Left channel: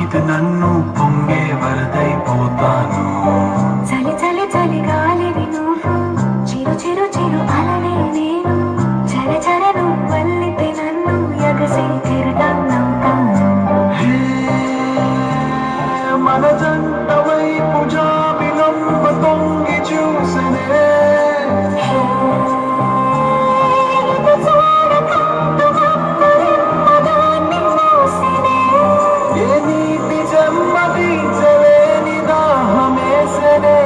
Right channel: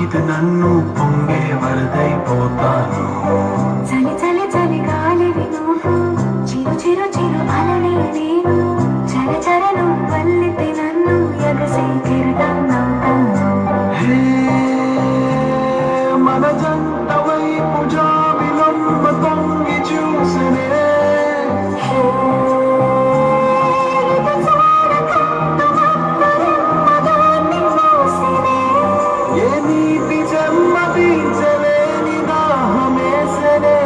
తాకితే నన్ను పొంగే వరదైపోతాను. చలి చలి చలి గాలివి నువ్వు, చిరు చిరు చిరు అలనే నేను, చర చర నువ్వల్లితే నన్ను ఎగసి తిరుగన్నవుతాను. హే మన జంట వైపు జాబిలమ్మ తొంగి చూసనే, ఏ నీటి జన్మ తీర్చలేని దాహమేసనే.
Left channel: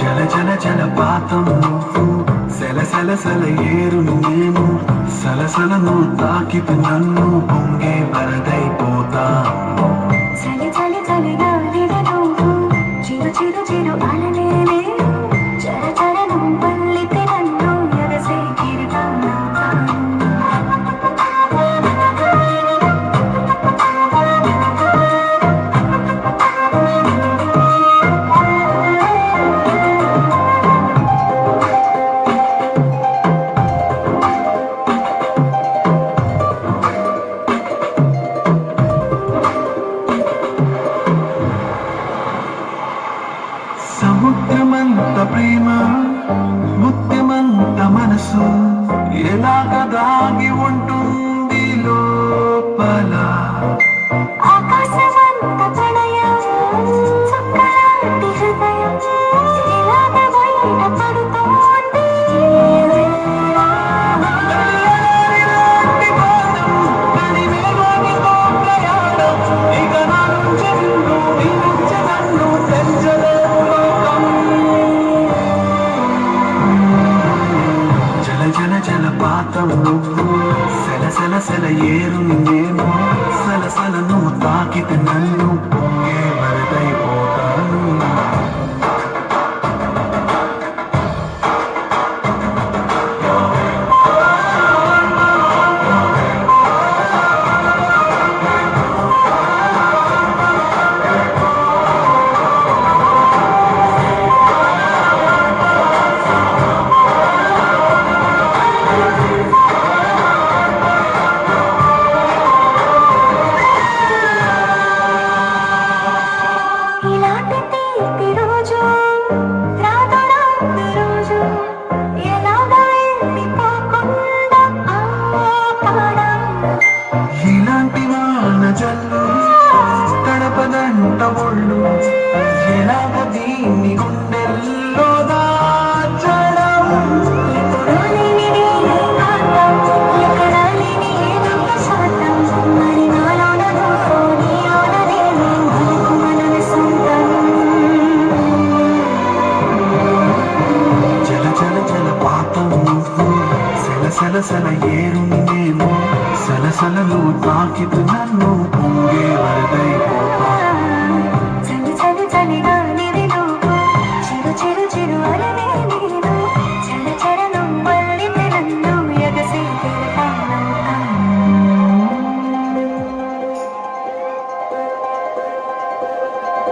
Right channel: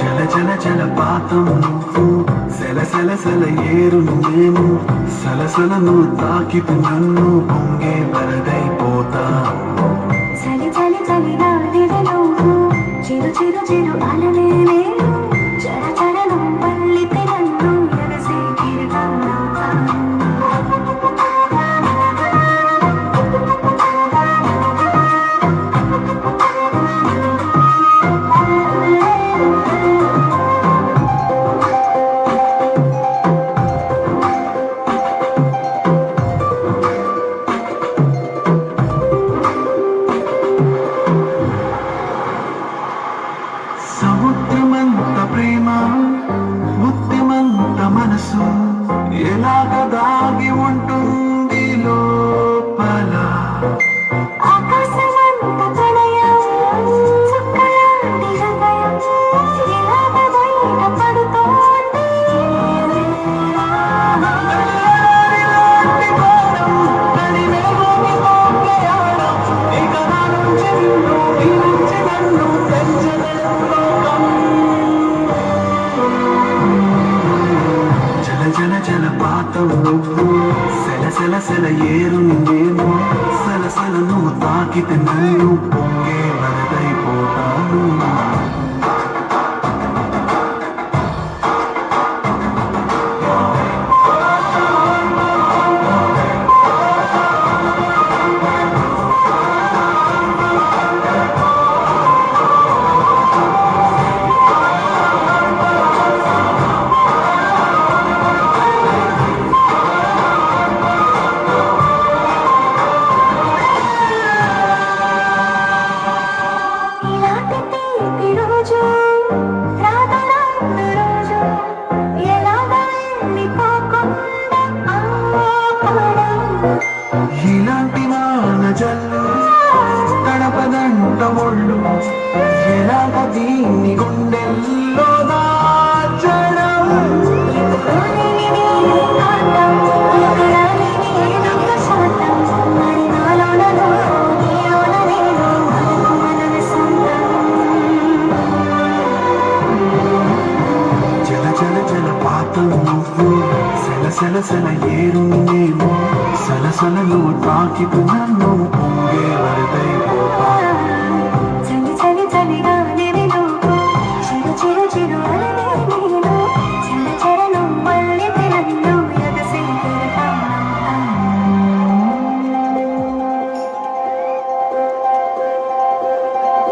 జల జల జలపాతం నువ్వు, సెల సెల సెల ఏరును నేను, సలసలను తాకితే నన్ను పొంగే వరదైపోతాను. చలి చలి చలి గాలివి నువ్వు, చిరు చిరు చిరు అలనే నేను, చర చర నువ్వల్లితే నన్ను ఎగసి తిరుగన్నవుతాను. సముద్రమంత ప్రేమ, ముత్యమంత మనసు, ఎలాగ దాగి ఉంటుంది లోపల. ఆకాశమంత ప్రణయం, చుక్కలాంటి హృదయం, ఎలాగ బయట పడుతోంది. కడిమేఘానితో ప్రయాణం, ఇక నా నుంచి నిన్ను, నీ నుంచి నన్ను పెంచలేవు లోకం. జల జల జలపాతం నువ్వు, సెల సెల సెల ఏరుని నేను, సలసలను తాకితే నన్ను పొంగే వరదైపోతాను. ఇలాంటి తీపి రోజు రాదు రాదు రోజు, ఎలాగ వెళ్ళిపోకుండా ఆపడం. ఇలాంటి వాన జల్లు తడపదంట ఒళ్ళు, ఎలాగ దీన్ని గుండెల్లో దాచడం. ఎకరాలిని నీ ఆటం, ఎకరాలిని నొక్క శాతం, మరి నాలోన నువ్వు, నీలోన నేను, మనకు మనమే సొంతం. జల జల జలపాతం నువ్వు, సెల సెల సెల ఏరుని నేను, సలసలను తాకితే నన్ను పొంగే వరదైపోతాను. చలి చలి చలి గాలివి నువ్వు, చిరు చిరు చిరు అలనే